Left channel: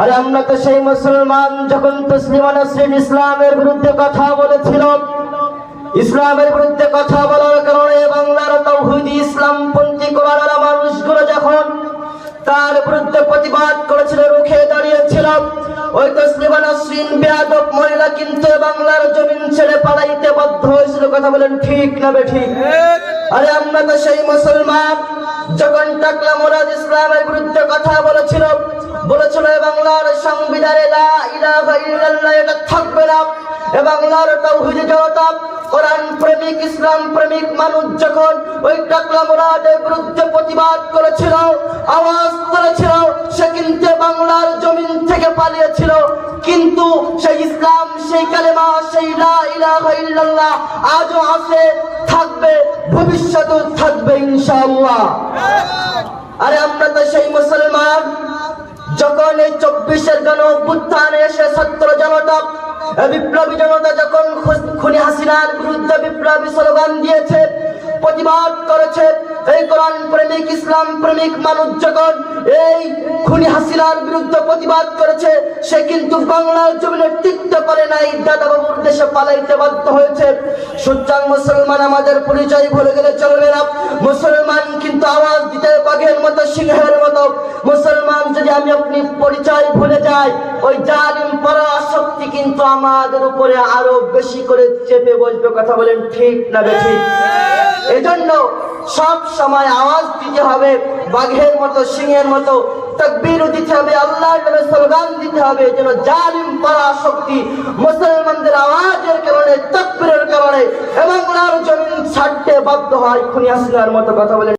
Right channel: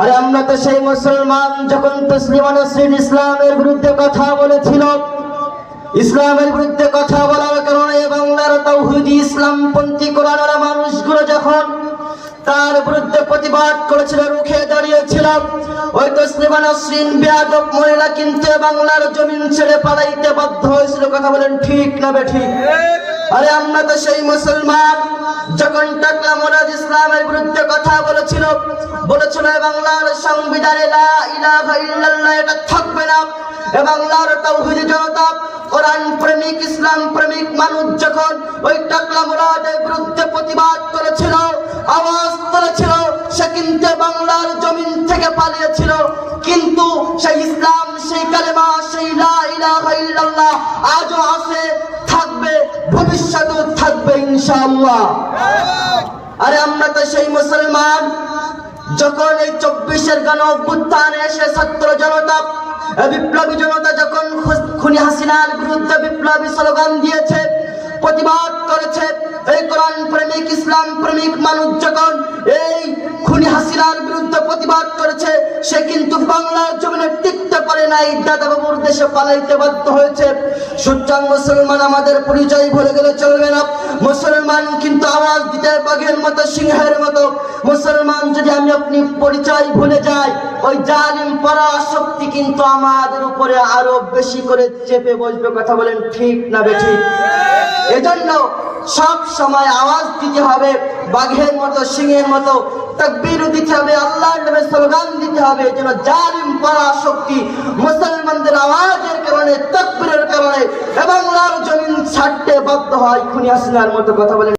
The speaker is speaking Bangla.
আরে আমরা তো সেই মুসলমান যখন তসলিমা নাসরিন ইসলামের বিরুদ্ধে কথা বলেছিল, ইসলামের বিরুদ্ধে কথা বলার কারণে বাংলার তাওহীদি ইসলামপন্থী কোরআনওয়ালা মানুষগুলো যখন তার বিরুদ্ধে প্রতিবাদ করেছিল, রুখে দাঁড়িয়েছিল, ওই তসলিমা নাসরিন বেয়াদব মহিলা কিন্তু বাংলার জমিন ছেড়ে পালাইতে বাধ্য হয়েছিল। কথা বলেন ঠিক না বেঠিক? আরে আমরা তো সেই মুসলমান যখন টাকলা মুরাদ ইসলামের বিরুদ্ধে কথা বলেছিল বাংলার সংবিধানে লা ইলাহা ইল্লাল্লাহ এটা থাকবে না, বাংলার তাওহীদি জনতা কোরআন প্রেমিক ইসলাম প্রেমিক মানুষ যখন ওই টাকলা মুরাদের বিরুদ্ধে প্রতিবাদ করেছিল, আওয়াজ তুলেছিল, সে কিন্তু বাংলার জমিন থেকে পালিয়েছিল, কিন্তু সেই ইসলাম, সেই কালেমা, সেই লা ইলাহা ইল্লাল্লাহ আজও আছে, থাকবে, ভবিষ্যতেও থাকবে ইনশাআল্লাহ। আরে আমরা তো সেই মুসলমান যখন এই 24-এর গণ অভ্যুত্থানে এসে ছাত্র জনতা, বিপ্লবী জনতা যখন খুনি হাসিনার বিরুদ্ধে বিপ্লবী স্লোগান দিয়েছে, প্রতিবাদ করেছে, এই কোরআন প্রেমিক ইসলাম প্রেমিক মানুষ যখন এই খুনি হাসিনার বিরুদ্ধে প্রতিবাদ করেছে, সে কিন্তু বাংলার জমিনে টিকতে পারে নাই, দাদা বাবুর দেশে পালাইতে বাধ্য হয়েছে। সুতরাং মুসলমান আমাদের পরিচয় ভুলে গেলে চলবে না। মুসলমান কিন্তু আওয়াজ দিতে বাঘের মতো, সিংহের মতো। মুসলমান যদি আমি আপনি পরিচয় ভুলে যাই, ওই জালিম পরাশক্তি কিন্তু আমাদের উপরে আরো বেশি করে চেপে বসবে। কথা বলেন ঠিক না বেঠিক? এজন্য সব সময় আওয়াজ দিতে হবে বাঘের মতো, সিংহের মতো, তাকবীর দিতে হবে, আল্লাহর নামে স্লোগান দিতে হবে, যেন জালিম পরাশক্তি মুসলমানদের আওয়াজের কারণে, তাকবীরের কারণে বাংলার জমিন ছাড়তে বাধ্য হয় খুনি হাসিনার মতো। কথা বলেন।